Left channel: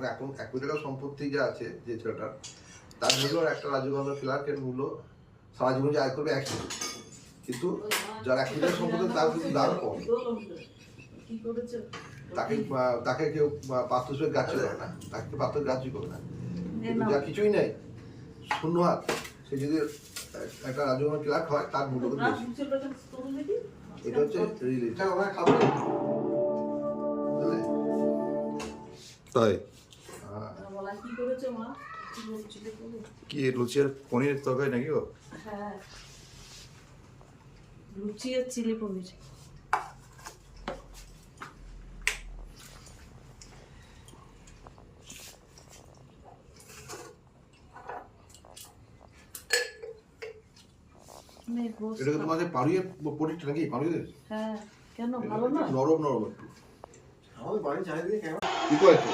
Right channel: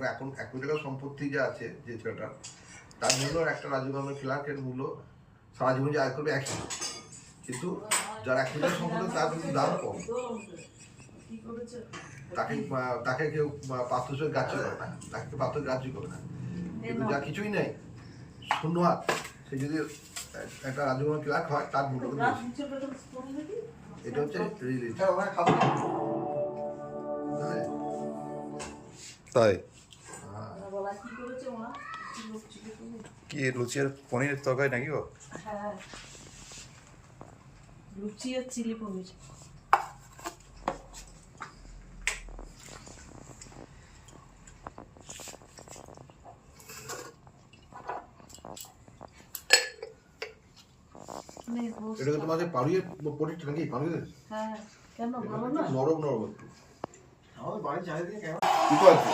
মানে এখন 1 কোটি টাকা সম্পত্তি যা আছে যে ছেলেটার, তার মূল্য একটা রাজীবগঞ্জ ক্লার্কের মূল্য সারা জীবন যে আয় করবে একই, কিন্তু যার 1 কোটি টাকা সম্পত্তি তার কিন্তু দাম কম, তাকে কেউ পাত্র গ্রাহ্য করে না, তাকে কেউ পাত্র গ্রাহ্য করবে না। কিন্তু যা কিছুই নেই, শূন্য হাত, সে যদি একটা রাজীবগঞ্জ ক্লার্ক হয় তার মূল্য কিন্তু বেশি। এটা হচ্ছে তাই কি লুচি আর পনির তরকারি নাকি গো? হ্যাঁ, লুচি আর চিলি পনির। এটা তোমাদের পাড়ুয়ে পনিরটা নাকি? পাড়ুয়ে? হ্যাঁ, কেন ভালো না? নরম নরম একটু। আমাদের বাড়ি চারিদিকে কেমন কি করেছে?